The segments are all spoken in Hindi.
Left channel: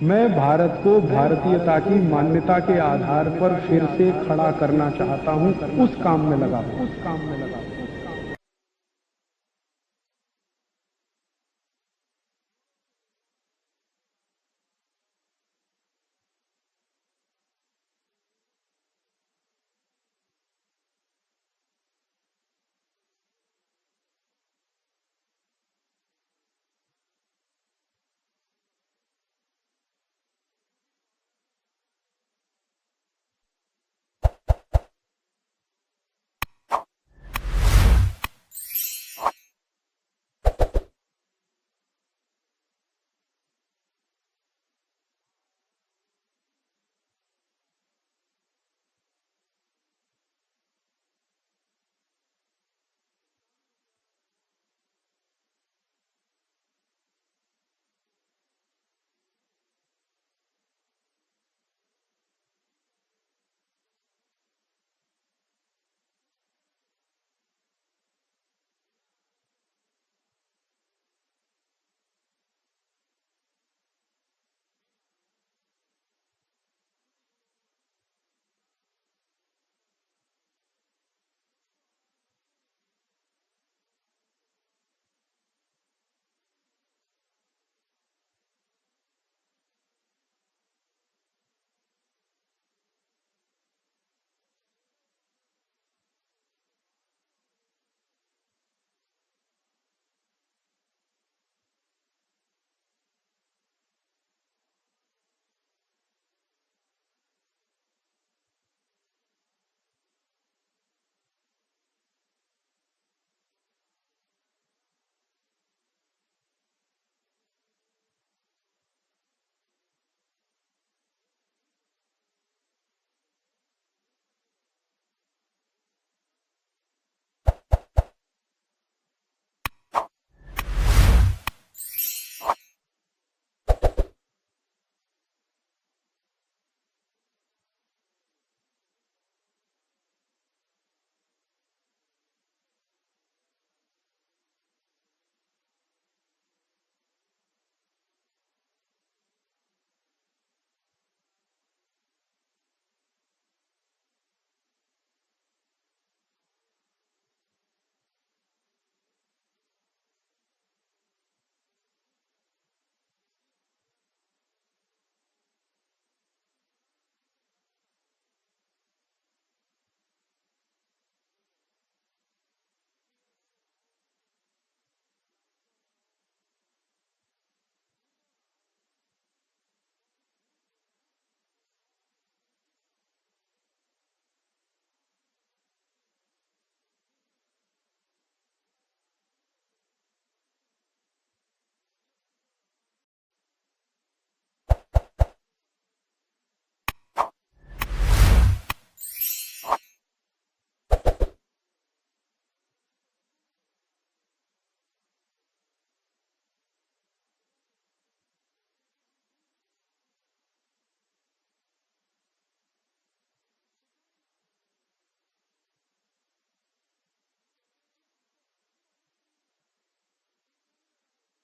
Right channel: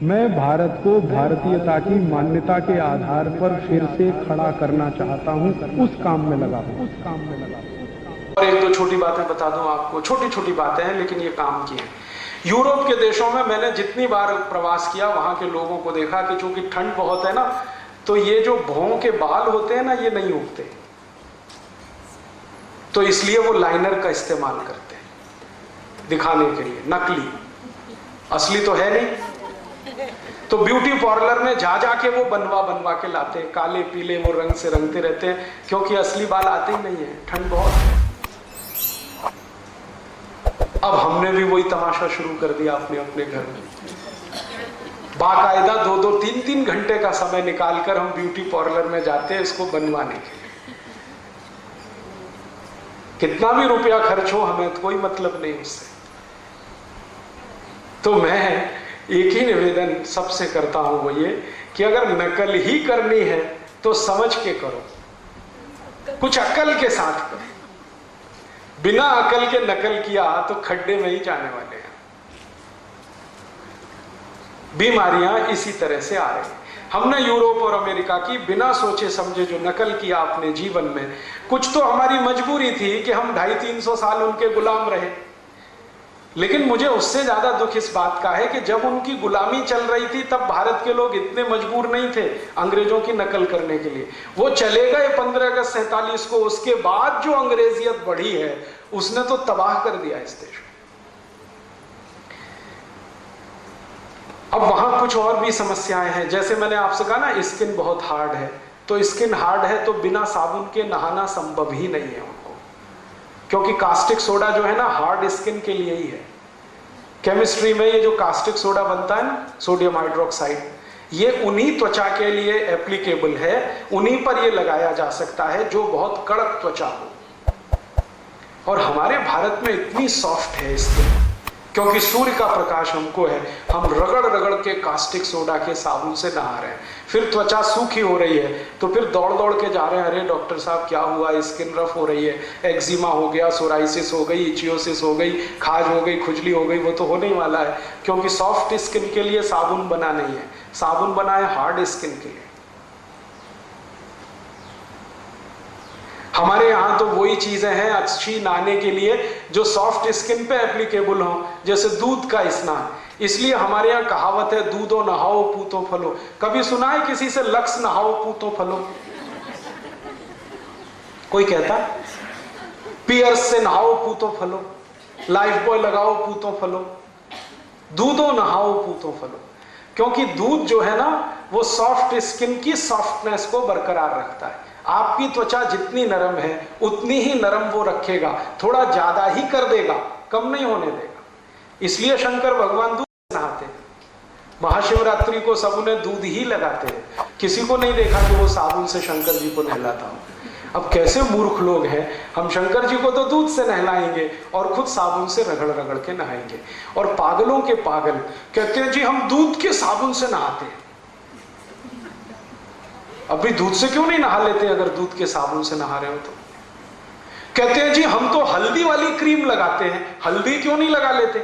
मैं भारत को भारतीयता की मान्यता के आधार पर फिर से खड़ा करना चाहता हूं, उस काम में लगा हूं। और एक दो छोटी बातें बता दूं आपको, छोटी छोटी बातें हैं लेकिन ये काम की हैं। यूरोप के देशों में मैंने जितनी बार प्रवास किया वहां के लोगों को देखा कि चूंकि ठंड बहुत है ना, तो ये जो भौं के बाल होते हैं ना, ये नहीं उगते, तो इसलिए वो लाइनर का इस्तेमाल करते हैं दिखाने के लिए, नकली, असली तो है नहीं। तो ब्यूटी पार्लर में जा जाके वो बनवा के लाते हैं, काले पीले वो रंग से रंगते रहते हैं, क्योंकि असली बाल आते ही नहीं है, ठंड बहुत है। अब हमने भी वही तमाशा शुरू कर दिया अपने अपने घर में, बाकायदा 2-2, 3-3 घंटे का समय निकालकर हम ब्यूटी पार्लर में जाते हैं इसको बनवाने के लिए। कितना भी रुपया खर्च हो, हमें तो कोई मतलब नहीं उससे। तो मैं एक ही निवेदन सबसे करता हूं, वो ये कि अगर नकल ही करनी है तो समझ के करो, कुछ अकल के साथ करो। बिना अकल के नकल किया तो खड्डे में ही जाने वाले हैं। बीमारियां इसी तरह से आ रही हैं। हमने यूरोप और अमेरिका की बिना सोचे समझे जो नकल किया अपने जीवन में, कुछ तो हमारी मजबूरी थी कि हम 250-300 साल उनके गुलाम रहे, लेकिन मुझे उससे ज्यादा दुख इस बात का है कि जब उनकी गुलामी चल रही थी तब भारत के लोग इतने मजबूर नहीं थे अंग्रेजों की नकल करने के लिए। वो चले गए 15 अगस्त 47 को, उसके बाद जो अंग्रेजियत बढ़ी है उसने तो तबाह कर दिया इस देश को। अब वहां कुछ और भी समस्याएं हैं, जैसे मैंने आपसे कहा ना स्किन बहुत हार्ड है, तो स्किन हार्ड है तो बिना साबुन के नहाना संभव ही नहीं है उनको, क्योंकि कास्टिक सोडा जो है ना हार्ड स्किन के लिए ही है। केमिस्ट्री में ये जो कास्टिक सोडा बनता है ना, सोडियम हाइड्रोक्साइड, ये उन्हीं त्वचा के लिए एप्लीकेबल है, उन्हीं पर ये लगाया जा सकता है जो बहुत कड़क त्वचा हो। और हमारे भारत में इतनी सॉफ्ट है स्किन, क्योंकि सूर्य का प्रकाश हमको है, हम रगड़ रगड़ के कास्टिक सोडा के साबुन से नहा रहे हैं, फिर त्वचा सूखी हो रही है तो फिर दौड़ दौड़ के जा रहे हैं, अरे डॉक्टर साहब क्या हुआ, स्किन रफ हो रही है, एक्जिमा हो गया, सोराइसिस हो गई, इचियोसिस हो गई, खाज हो गई, खुजली हो गई। वो तो होने ही वाला है, क्योंकि सॉफ्ट स्किन के लिए साबुन बना नहीं है, साबुन बना है हार्ड स्किन के लिए। हमारे यहाँ तो वही चीजें हैं अच्छी नहाने के लिए जो सॉफ्ट स्किन पे एप्लीकेबल हो, जैसे दूध का स्नान। इसलिए हमारे यहाँ कहावत है, दूधो नहाओ पूतो फलो। कभी सुना है किसी से लक्स नहाओ पूतो फलो? कोई कहता? पियर्स से नहाओ पूतो फलो, लाइफ बॉय लगाओ पूतो फलो, दूधो नहाओ पूतो फलो। क्योंकि दूध जो है ना वो सॉफ्ट स्किन की सॉफ्टनेस को बरकरार रखता है। आपकी त्वचा जितनी नरम है उतनी ही नरम वो रखेगा, थोड़ा ज्यादा ही कर देगा, कम नहीं होने देगा। इसलिए शंकर भगवान दूध से नहाते हैं, महाशिवरात्रि को सब उन्हें दूध ही लगाते हैं, किसी को नहीं देखा कि वो साबुन से शंकर जी को नहलाता हो। अब कैसे मूर्ख लोग हैं, हम शंकर जी को तो दूध से नहलाएंगे और खुद साबुन से रगड़ रगड़ के नहाएंगे। और पागलों के पागल कहते हैं जी हम दूध के साबुन से नहाते हैं। अभी दूध से क्यों नहीं नहा लेते अगर दूध के साबुन से नहा रहे हो तो? कहते हैं जी हम तो हल्दी वाली क्रीम लगाते हैं, हल्दी क्यों नहीं लगा लेते?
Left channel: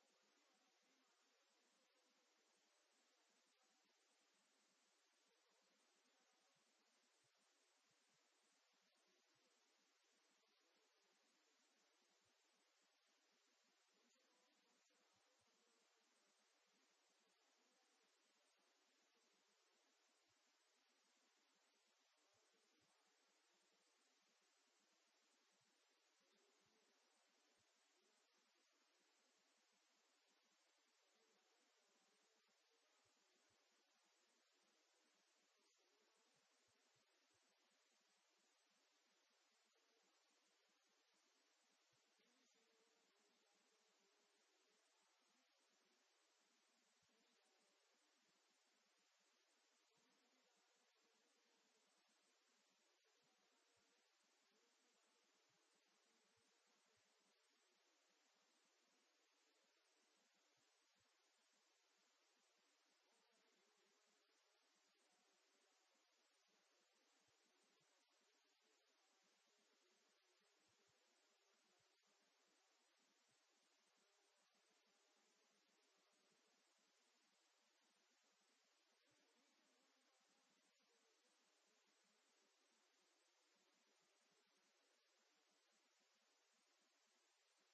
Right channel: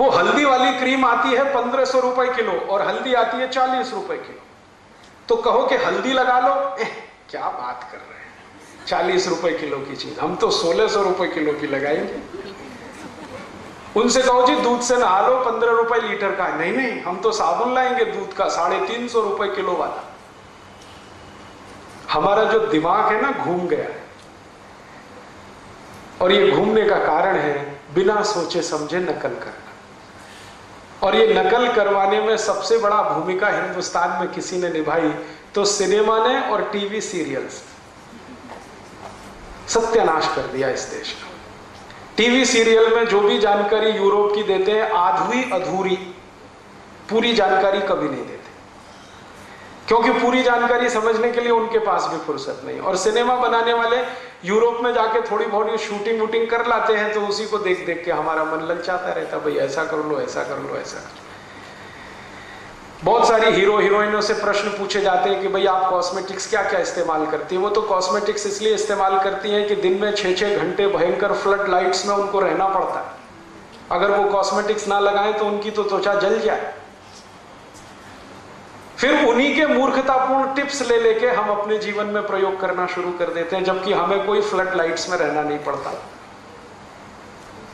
वो हल्दी वाली क्रीम आती है 1500 रुपए किलो और हल्दी आती है 40 रुपए किलो, तो कहो कि हल्दी लगा लो, क्या बात कर रहे हैं, 40 रुपए किलो की चीज हम तो 1600 रुपए किलो की लगाएंगे। उनसे कहो जी दूध से नहा लो, 15 रुपए लीटर का। नहीं नहीं, हम तो साबुन लाएंगे दूध का 350 रुपए किलो वाला। हमारा जो दिमाग है ना घूम गया है, और ये घूमने का कारण है बिना सोचे समझे नकल करना। और ये नकल करवाने में सबसे बड़ा भूमिका हिंदुस्तान में किसी ने निभाई तो सिनेमा ने और टीवी सीरियल्स। सत्यानाश कर दिया इस देश का। टीवी सीरियल में जो भी जानकारी यूरोप की देते हैं आधी अधूरी, पूरी जानकारी कभी नहीं देते, क्योंकि पूरी जानकारी समझने के लिए उनके पास भी फुर्सत नहीं। और सिनेमा बनाने वाले यूरोप में जाके थोड़ी बहुत शूटिंग वूटिंग कर लाते हैं तो उसी को देख देख के हमारा मन ललचाता रहता, भाई ऐसा कर लो, ऐसा कर लो, ऐसा कर लो। बहुत सारी हीरो हीरोइनों से प्रश्न पूछे जाते हैं कि भाई आप कॉस्मेटिक्स क्या क्या इस्तेमाल करती हैं? वो तो कॉस्मेटिक्स इसलिए इस्तेमाल करती हैं कि दिन में 6-6 घंटे भयंकर फ्लड लाइट्स में उनको रहना पड़ता है, अगर वो कॉस्मेटिक्स ना लगाएं तो उनकी तो त्वचा जल जाए। फिर उन्हीं के मूर्खतापूर्ण टिप्स ले लेके हम अपने जीवन में प्रयोग करना शुरू कर देते हैं, जबकि हमें कोई फ्लड लाइट्स में रहना नहीं पड़ता।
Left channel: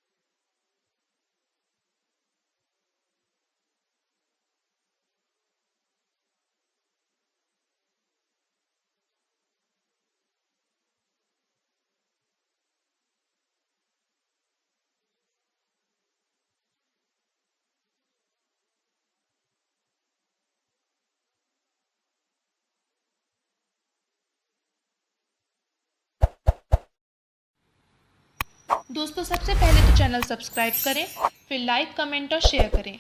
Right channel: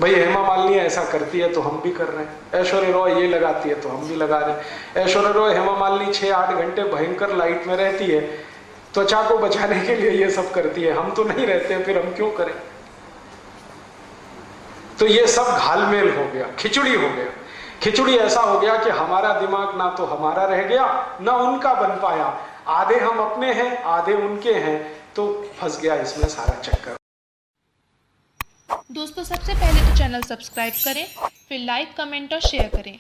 भाई हेमा मालिनी ऐसा करती है तो हम भी कर रहे हैं, ऐश्वर्या रॉय ये लगाती है तो हम भी लगा रहे हैं। ऐश्वर्या रॉय, हेमा मालिनी 6-8 घंटे भयंकर लाइट में रहती है, त्वचा को बचाने के लिए ये सब करती है, हम तो नहीं रहते, फिर हम क्यों करें? तो ये सब घालमेल हो गया, खिचड़ी हो गया। खिचड़ी ऐसा हो गया कि हमारा दिमाग ना तो हमारा रह गया ना उनका बन पाया, आधे हम अपने हैं आधे उनके हैं, तो फंस गया इसमें सारा चक्कर। दोस्तों सबसे पहले तो चैनल सब्सक्राइब करें, फिर लाइक, कमेंट और शेयर करें